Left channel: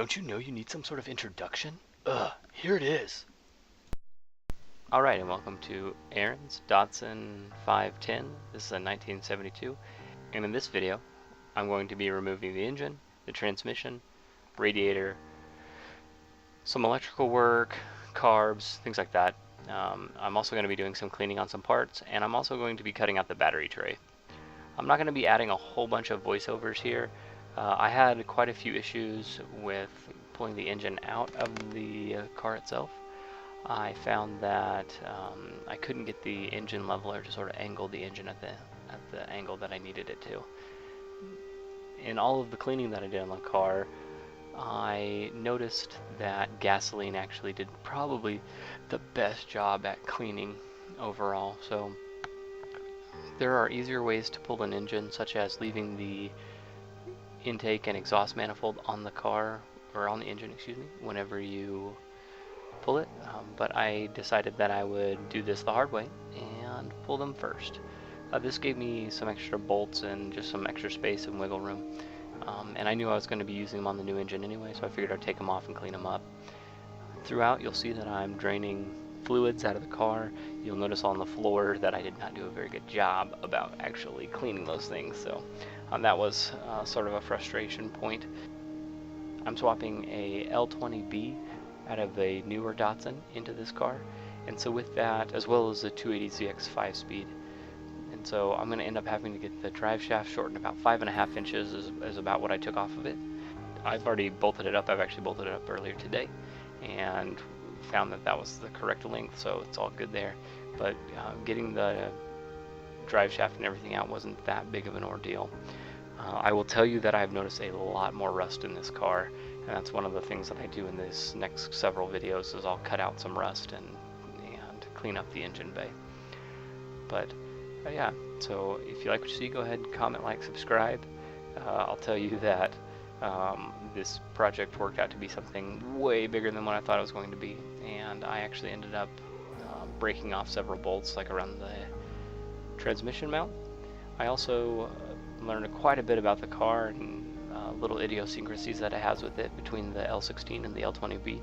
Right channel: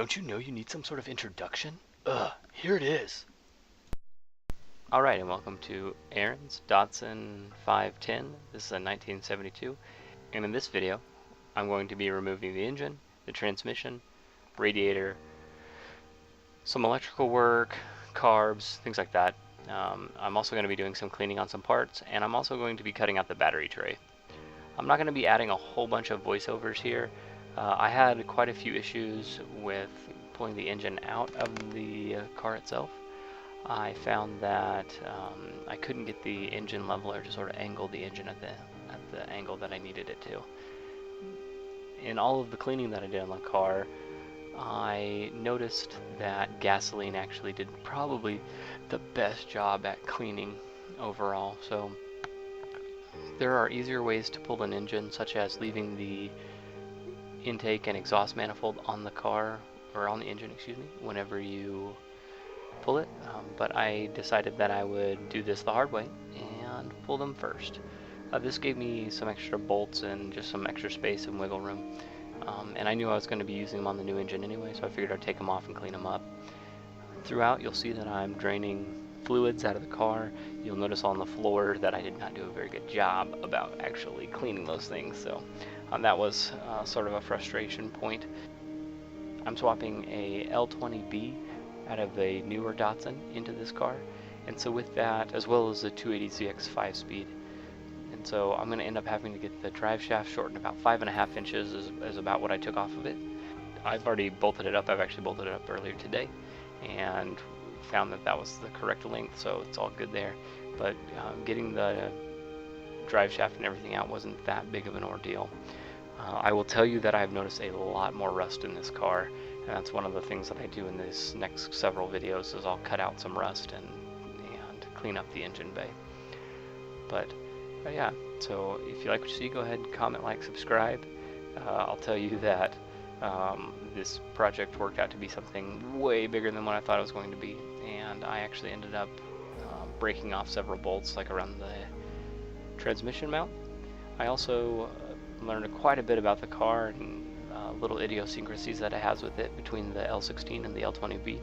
Don't you know you need some sort of introduction? Here it is. Alright, and welcome to Aaron's Datsun 510. This is a 1972, and in this video, I'm going to be removing the engine, the transmission, radiator, some electrical work, carbs, things like that. I'm also going to be doing some cleaning on some parts, and I'm also going to be cutting out the battery tray. I'm not going to be adding a whole bunch of voiceovers here. I had quite a few issues with pulling the engine out of the car itself. I found that I couldn't get the engine leveler to sort of angle the engine at the angle that I needed it to. In all of the cleaning that I did on the car, I noticed that gasoline actually did probably the best job at cleaning overall. So there are easier ways to pull an engine, such as leaving the intake and exhaust manifold on the car, or on the engine, excuse me, whenever you pull it, but I decided that I would do this the hard way and pull them first. This gave me some extra bolts and just some extra space and wiggle room, and I knew I was going to be using them on the new engine anyway, so I figured I'd take them off and clean them up. Throughout, you'll see that I'm draining fluids out of the car. You'll notice on the floor that I did not do a very good job about actually cleaning those things, so that was sort of a frustration point. I'm swapping a L20B out of a newer Datsun into this car, and so with that, as well as the 280ZX 5-speed, and so I'm going to end up having to get the drive shaft shortened about 5.5 inches is about what I took off of it. I've already bolted it up. I've actually bolted it up earlier today and found that that was the correct length, so it's all good there. But getting the drive shaft and everything out wasn't that big of an ordeal. I will tell you that I've noticed a lot more rust in this car, and that's one of the things that I do in this next several videos is I'll cut out some rust and clean up the engine bay. But yeah, so if you like what you see, go ahead and comment, like, subscribe. I'll tell you that this project worked out to be something way bigger than what I thought it was going to be, and I actually ended up breaking off several bolts like around the transmission mount. I also learned quite a bit about the car and little idiosyncrasies that it has with it between the L16 and the L20B.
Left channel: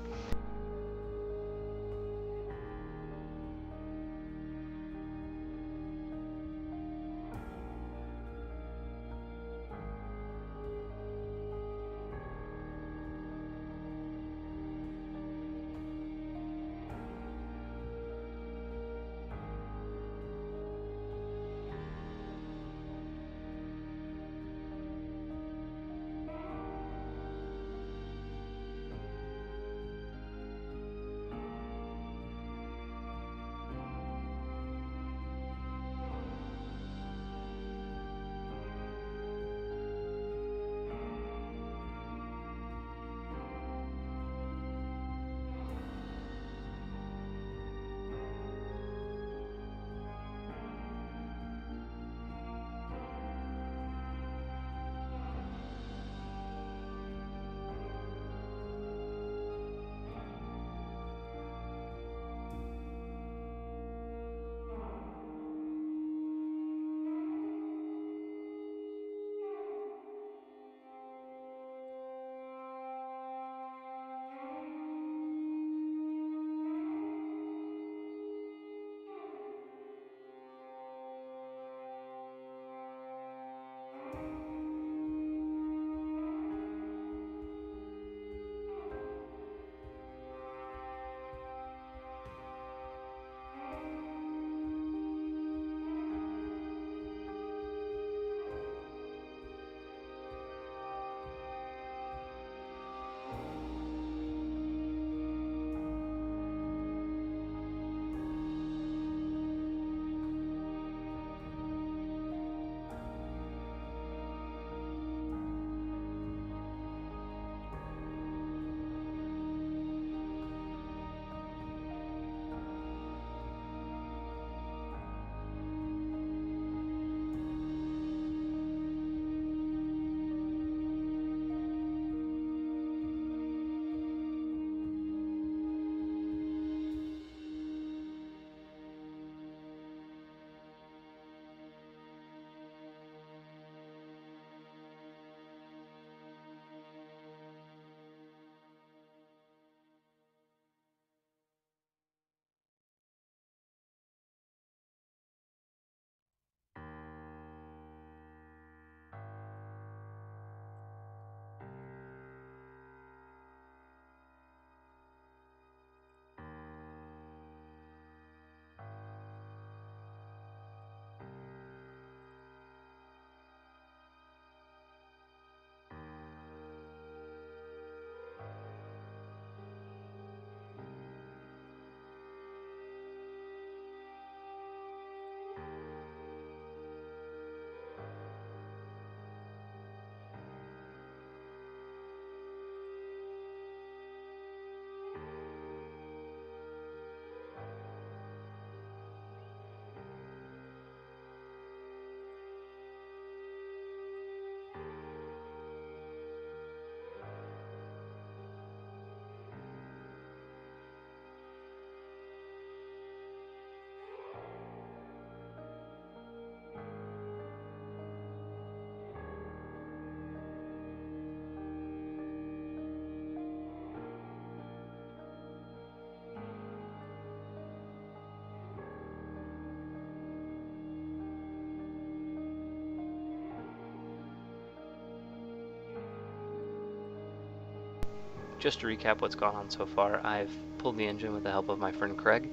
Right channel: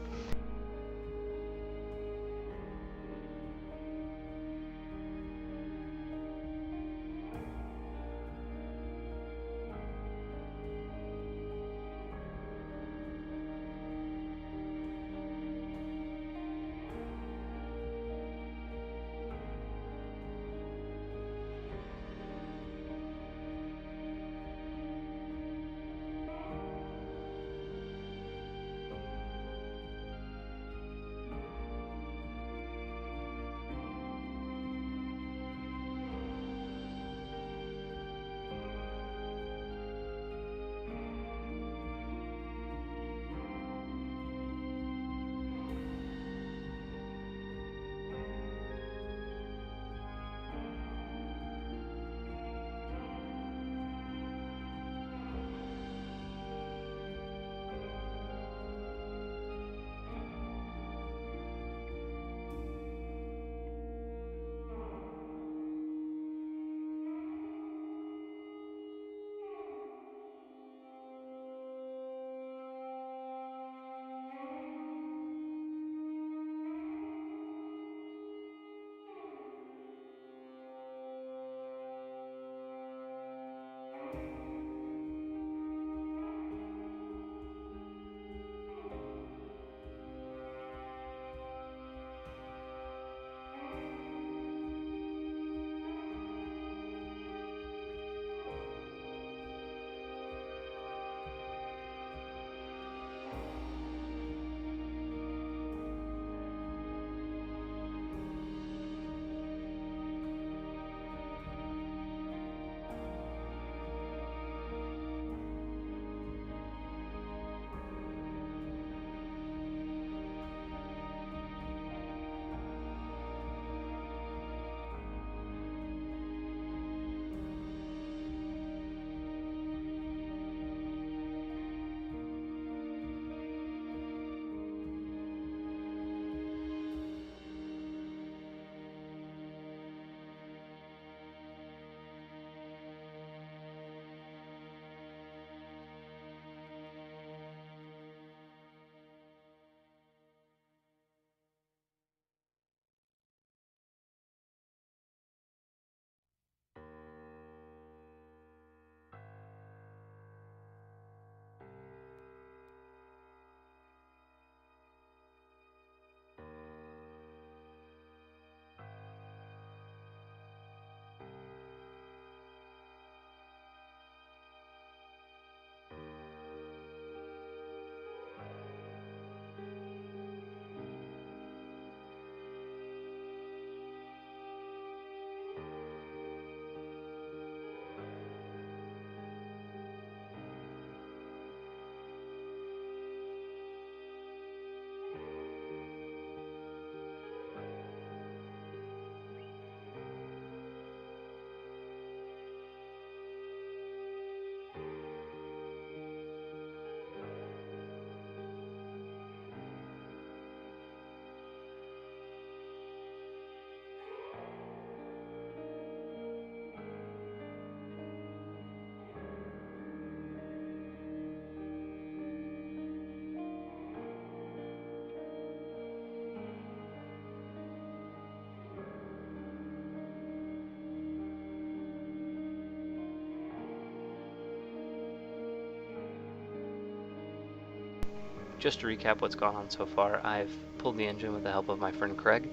just to recap what's gone on so far, I've pulled the engine with the help of my friend Craig.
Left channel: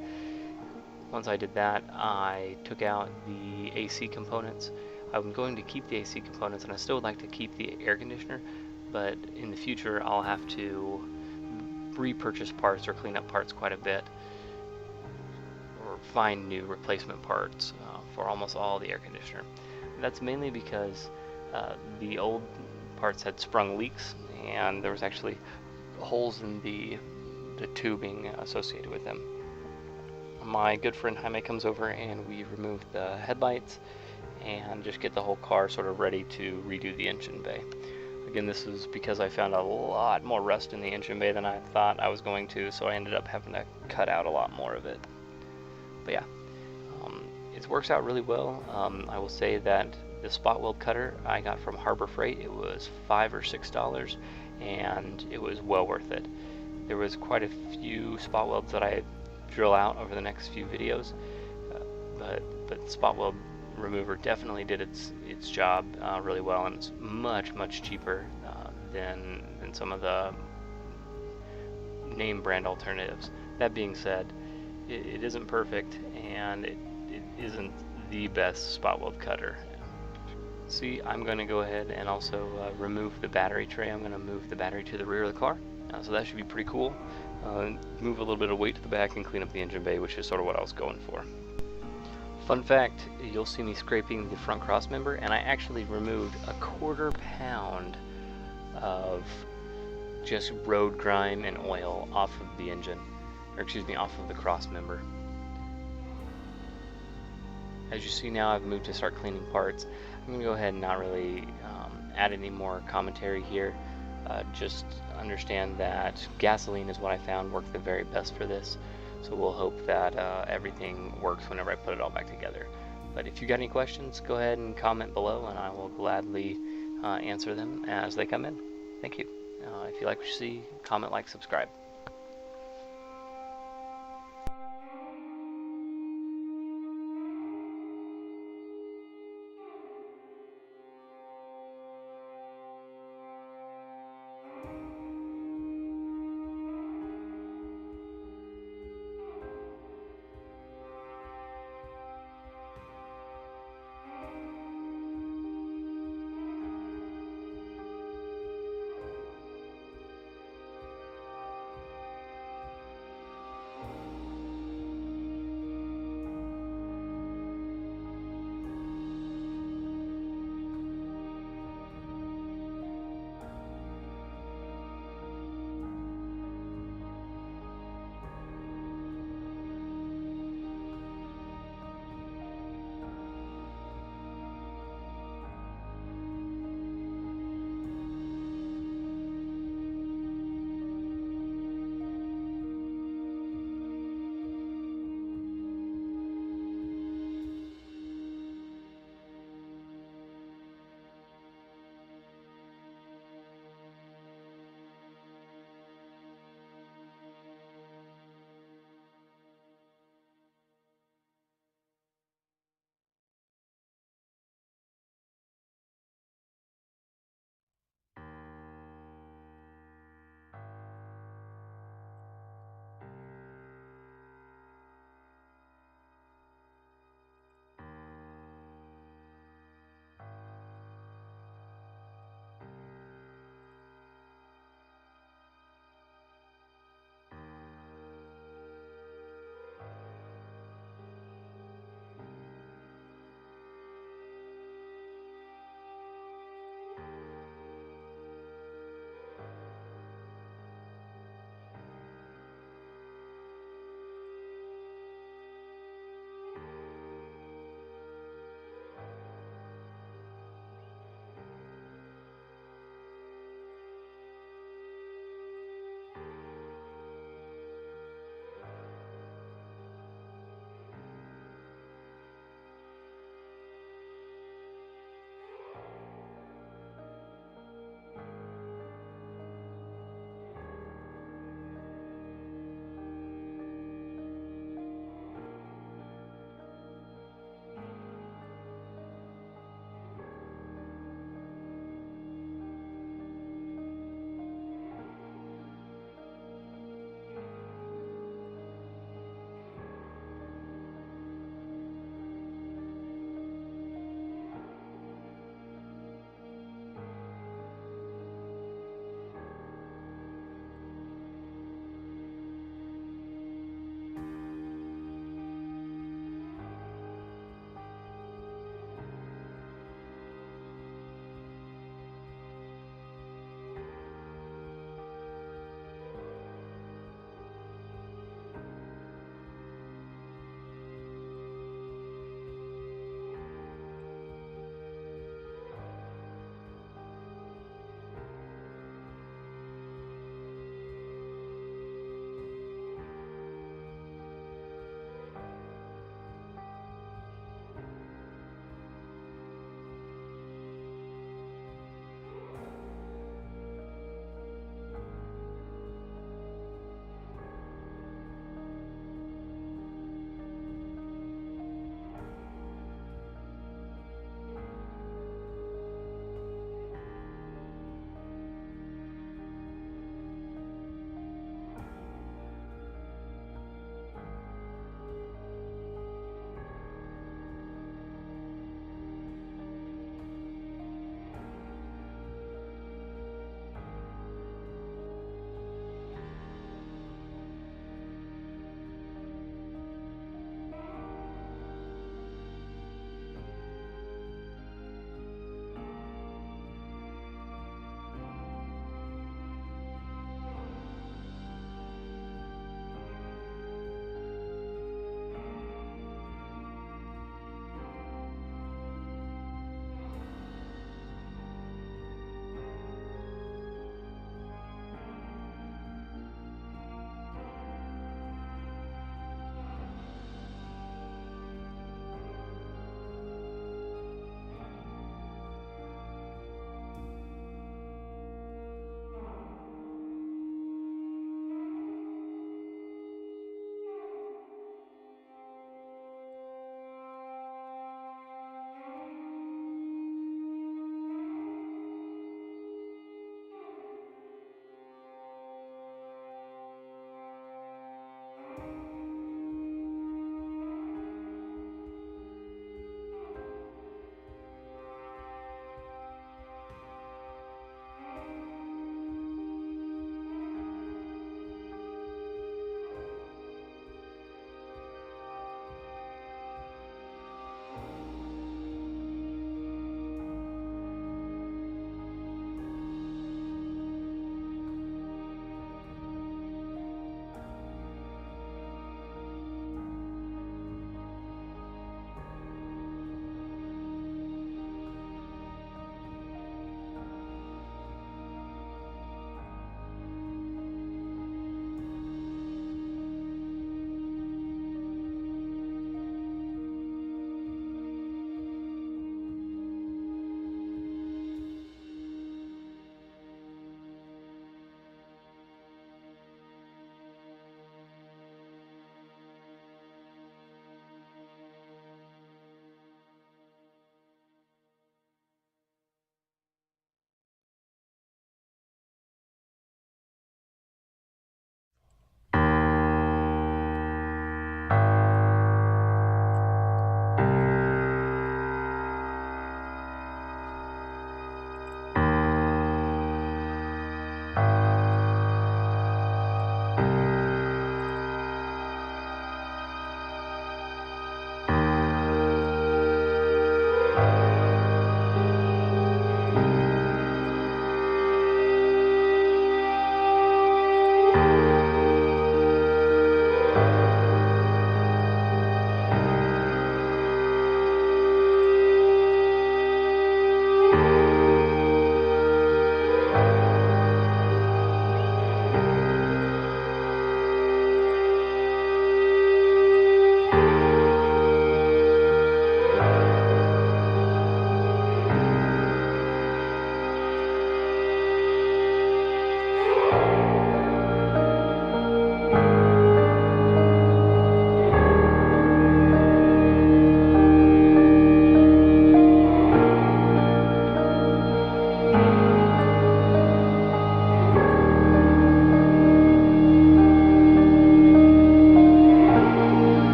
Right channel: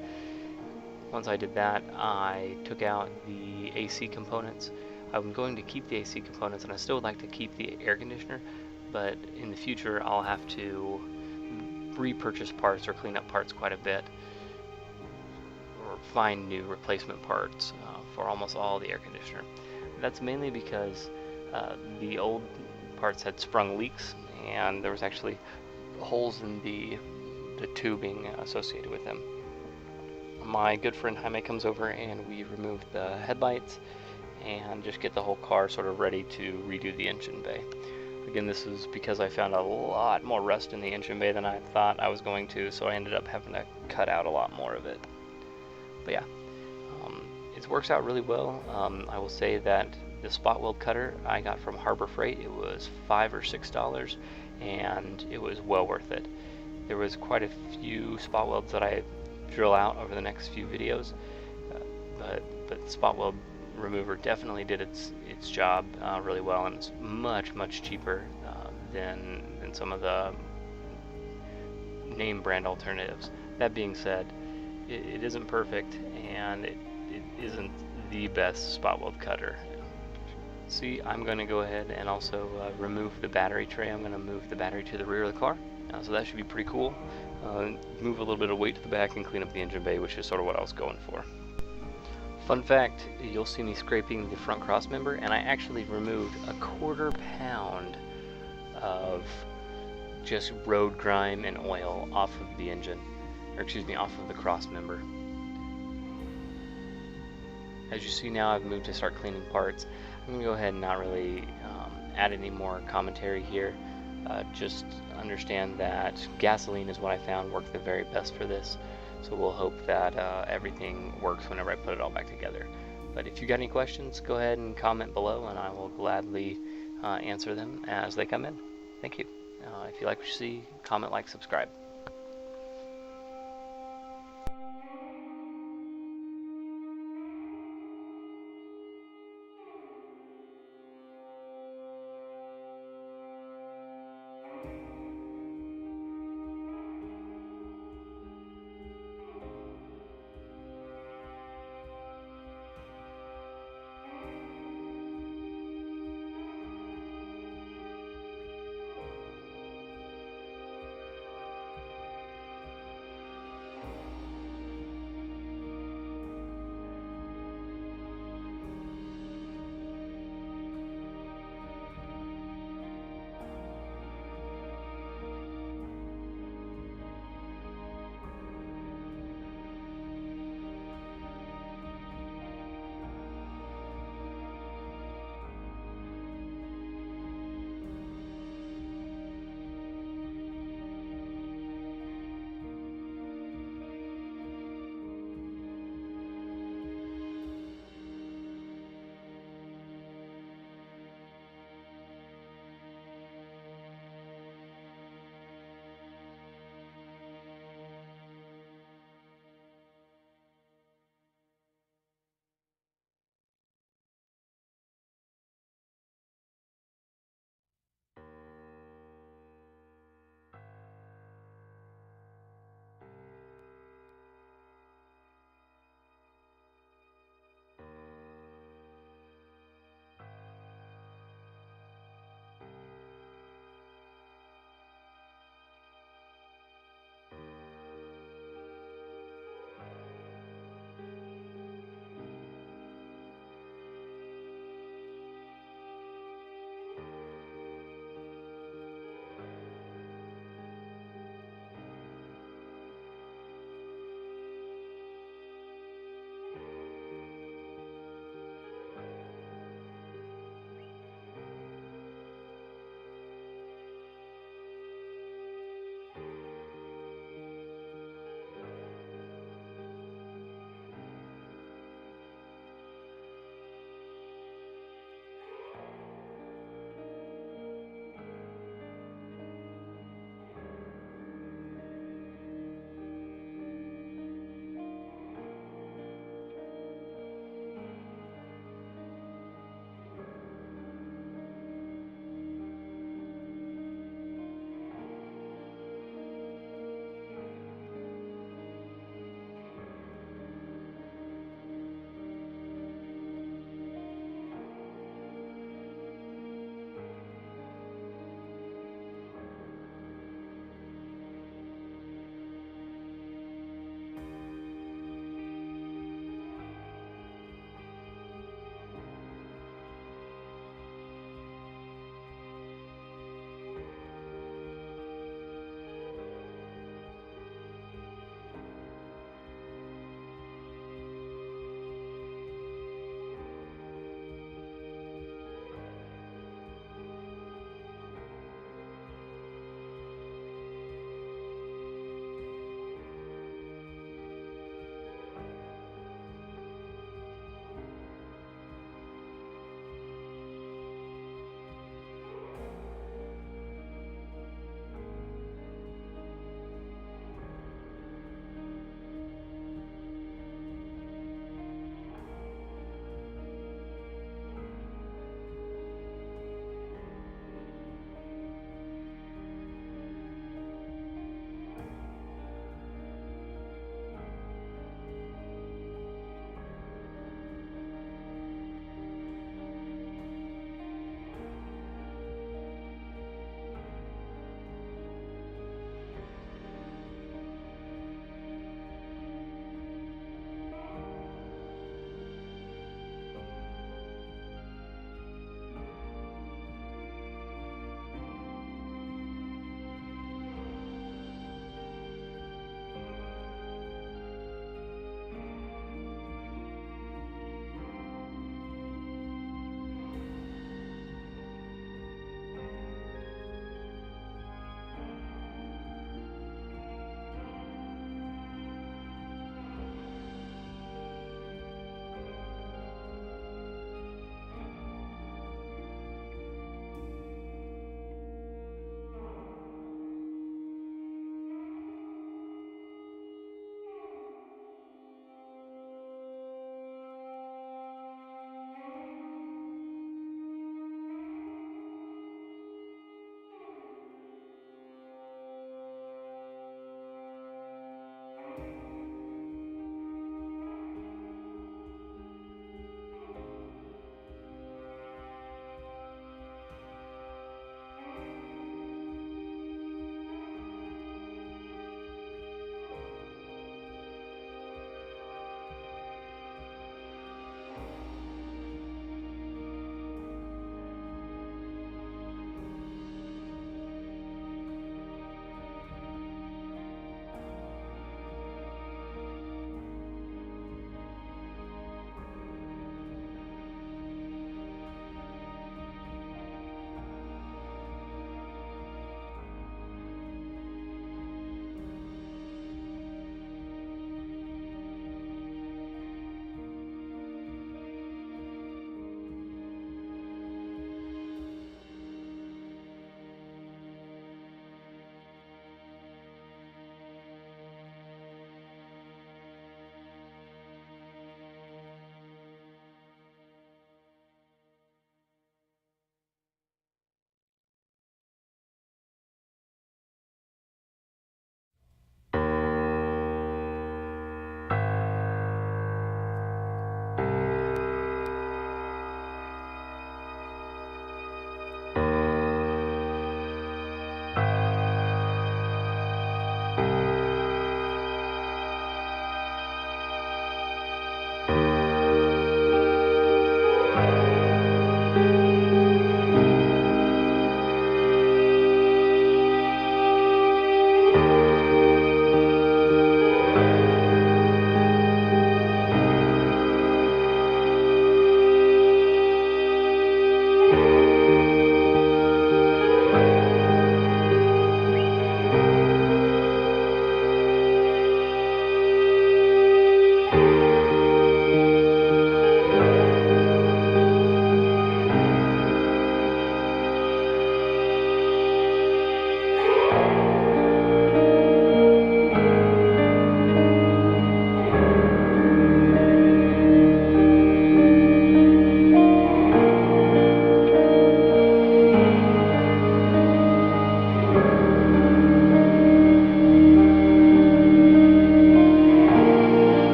Once I did that, I took out the AC components. I'm going to keep the AC components, and I still would like to keep the air conditioner, but in the future I'll have to repurchase parts or clean up parts quite a bit, or find new replacement parts for almost all the air conditioner. That's mainly because the old parts had sprung leaks, and there was actually holes in the tubing associated with them. My good friend Jaime comes over and we remove the headlights and just get the whole car sort of ready to redo the engine bay. Again, this is because I found a lot more rust in the engine bay than I thought I was going to, so I ended up having to cut out a lot more of it. But yeah, it works out really well. I will say that the spot weld cutter I got from Harbor Freight, it was $5 or $6, and it was well worth it. There was quite a few spot welds that I drill out over the next few videos, but spot weld remover definitely did its job really well, and it's much cheaper than some of the name brand alternatives. That being said, it isn't perfect, and it isn't the best spot weld cutter. See, I'm going to go ahead and also remove the battery tray. I'm going to move the battery to the rear of the car, so that should be pretty cool. Move a little bit of weight to the back and clean up the engine bay, which is sort of what I was going for. Fun fact, you'll see me scraping the front cross member, and I actually removed a 1/4 pound of just road grime and oil off of the engine, or excuse me, off of the cross member. As you see now, I've moved to start cleaning parts. I'm going to go ahead and not really add any more commentary here. Just understand that gasoline is what I found worked the very best for this. So we'll hope that everything works whenever I put it all back together. But if you got any questions, go ahead and comment below, and I will gladly answer them as they come in. Thank you. If you like what you see, comment, like, subscribe.